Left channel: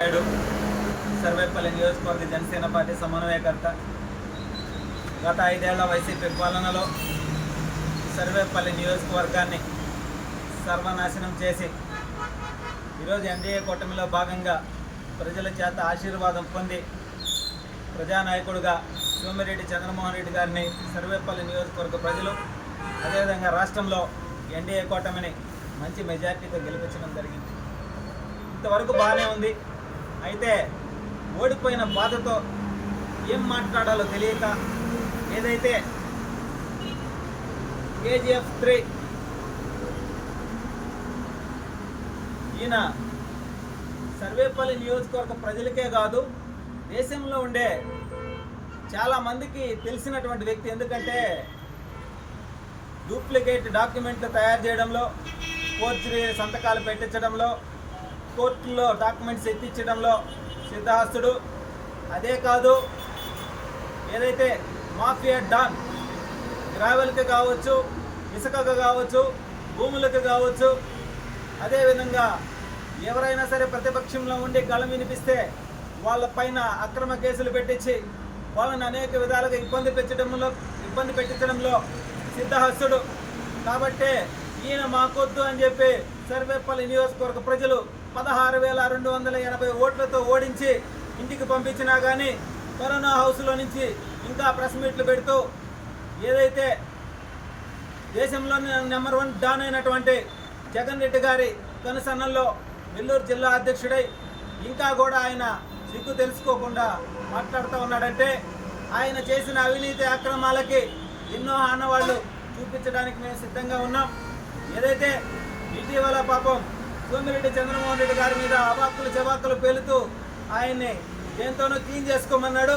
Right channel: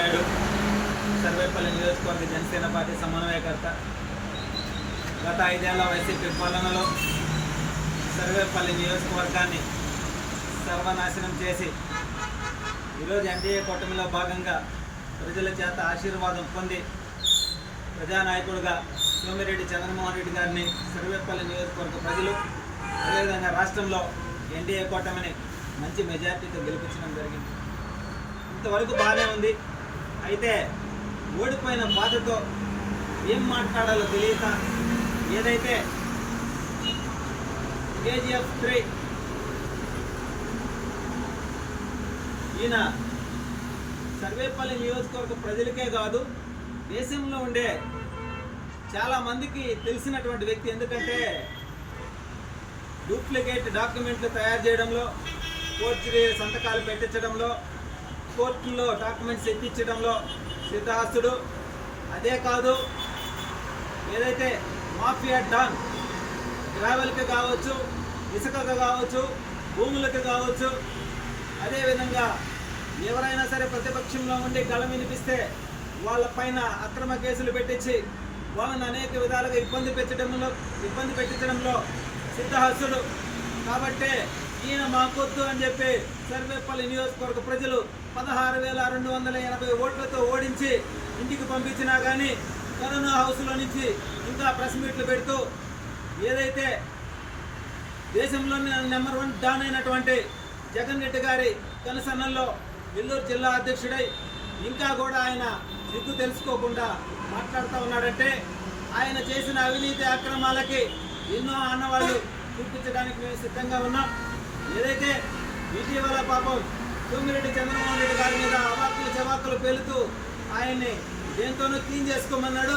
నాయుడు సర్వేపల్లి నియోజకవర్గ జనసేన పార్టీ సమన్వయకర్త. గత ఐదేళ్ళ వైసీపీ పాలనలో సర్వేపల్లి నియోజకవర్గాన్ని సర్వనాశనం చేసి ఈరోజు ఎన్డీఏ కూటమిలో భాగంగా ప్రజల చేత ఆశీర్వాదం పొంది ప్రజానాయకుడిగా సోమిరెడ్డి చంద్రమోహన్ రెడ్డి గారిని సర్వేపల్లి నియోజకవర్గ ప్రజలు అదేవిధంగా రాష్ట్రంలో ఎన్డీఏ కూటమిని మంచి మెజార్టీతో గెలిపించడం జరిగింది. ఇంతవరకు బాగానే ఉంది. అయితే ఓడిపోయిన బాధతో ఏం మాట్లాడాలో తెలియక ఏదైతే కేజీఎఫ్ త్రీ ఈయన సర్వేపల్లి నియోజకవర్గ ప్రజలకే కాదు దేశంలో ఉండే చాలా మందికి తెలిసినటువంటి వ్యక్తి. ఎందుకంటే డూప్లికేట్ డాక్యుమెంట్లు తయారు చేయడంలో కోర్టు సంతకాలు పెట్టించడంలో కోర్టులో డాక్యుమెంట్స్ ఎత్తించడంలో సిద్ధహస్తుడు. అదే కాదు ఏదైతే మాఫియా డాన్ గ్రావెల్కి కావచ్చు ఇసుకకు కావచ్చు భూములకు కావచ్చు అదేవిధంగా ఎవరైనా సరే ప్రతిపక్షంలో ఉండి గళం వినిపిస్తే వాళ్ళ పైన అక్రమ కేసులు పెట్టించి వాళ్ళని అనేక విధాలుగా ఇబ్బంది పెట్టడంలో ఇబ్బంది పెట్టించడంలో సిద్ధహస్తుడు. కాబట్టే ఈయన మాకొద్దు అని చెప్పి సర్వేపల్లి నియోజకవర్గ ప్రజలు పదహారు వేల రెండు వందల ఎనభై ఓట్లతో ఓడించి ఇంటికి పంపించినా కానీ కరోనా హౌస్లో నుంచి ఇంకా ప్రెస్ మీట్లు పెడుతూ ఏదైతే దేశంలో నెంబర్ వన్ డాన్ అయినటువంటి జగన్ రెడ్డి గారి కనుసన్నల్లో నెల్లూరు జిల్లా అధ్యక్షుడై ఇంకా కూడా ఆయన దిక్కు తెలుసుకోకుండా మాట్లాడుతూ ఉన్నాడంటే ఆయన చేసిన అవినీతి అక్రమాలకి ఎన్నో ఆనవాళ్ళు చూపించడానికి మేము సిద్ధంగా ఉన్నాం. ఏదైతే ఇటీవల పాపం సోమిరెడ్డి చంద్రమోహన్ రెడ్డి గారి మీద అవాక్కులు చవాకులు పేలుతూ ఆయన్ని దేంతోనో క్లీన్ చేసుకోమన్నాడు.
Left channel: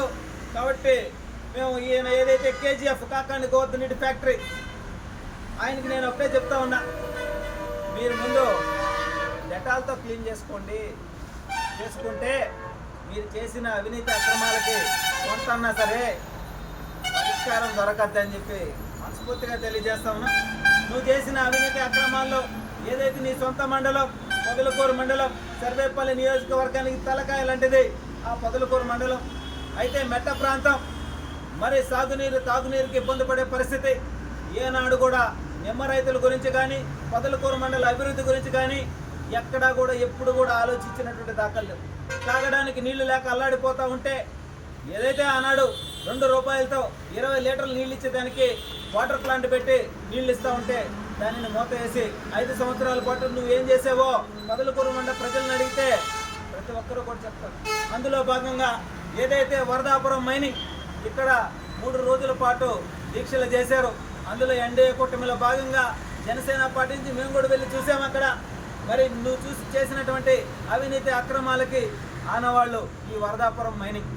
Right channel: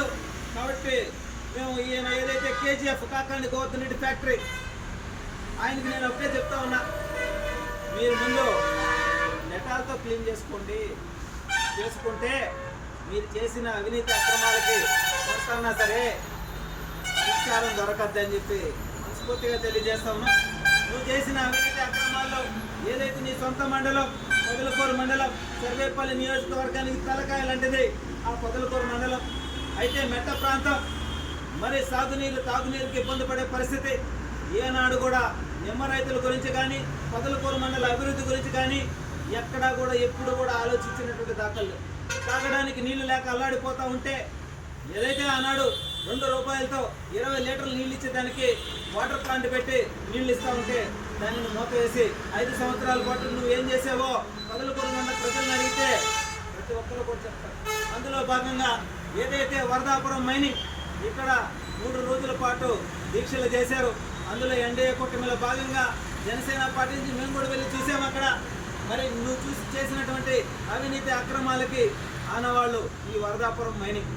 కాబట్టి మేము ఈయన ఏదైతే కేజీఎఫ్ కాకాని గోవర్ధన్ రెడ్డి ఫ్యాక్టరీ ఆయనకి నేను ఒకటే చెప్తా ఉన్నా. మీరు ముందు డెటాల్తో క్లీన్ చేసుకోండి. చేసుకుంటే మీరు చేసిన అవినీతి అక్రమాలకి కొంతన్నా సరే పరిష్కారం దొరకద్దని చెప్పి మనస్ఫూర్తిగా తెలియజేస్తాము నువ్వు చేసిన అవినీతి అక్రమాల్లో ఏదైతే నీ సొంత మండలం పొదలకూరు మండలం సర్వేపల్లి నియోజకవర్గానికి తలకాయ లాంటిది ఆ పొదలకూరు మండలం. అయితే మెట్ట ప్రాంతం మరి సాగునీరు తాగునీరుకి ఇబ్బంది పడే పరిస్థితి. ఏనాడు కూడా నిమ్మ రైతుల గురించి కానీ పొదలకూరు మండల అభివృద్ధి గురించి కానీ ఎక్కడా కూడా ఎప్పుడు కూడా ఆలోచించినటువంటి దాఖలు తాగడానికి నీళ్ళు లేక అల్లాడిపోతూ ఉంటే ఏదైతే ఆనాడు రెండు రూపాయలతో ఇరవై లీటర్లు నీళ్ళు ఇచ్చేదానికి వాటర్ ప్లాంట్ పెట్టి నీళ్ళు ఇస్తూ ఉంటే దానిని మూత వేసి ఐదు సంవత్సరాల పాటు నువ్వు ఏం చేసావో పొదలకూరు మండల ప్రజలను అడిగితే ప్రతి ఒక్కరూ కూడా చెప్తారు. అందులో భాగంగా ఏదైతే వరదాపురం మైనింగ్ ఇక్కడ మూడు రోజుల పాటు దీక్షలు చేశారు. అందులో ఎన్డీఏ కూటమిలో భాగంగా జనసేన పార్టీ నుంచి మేము కూడా వెళ్ళి చూసాము అక్కడ. మరి నువ్వు చూసి చేసినటువంటి అవినీతి అక్రమాలకి ఆనవాళ్ళు ఈ వరదాపురం మైనింగ్.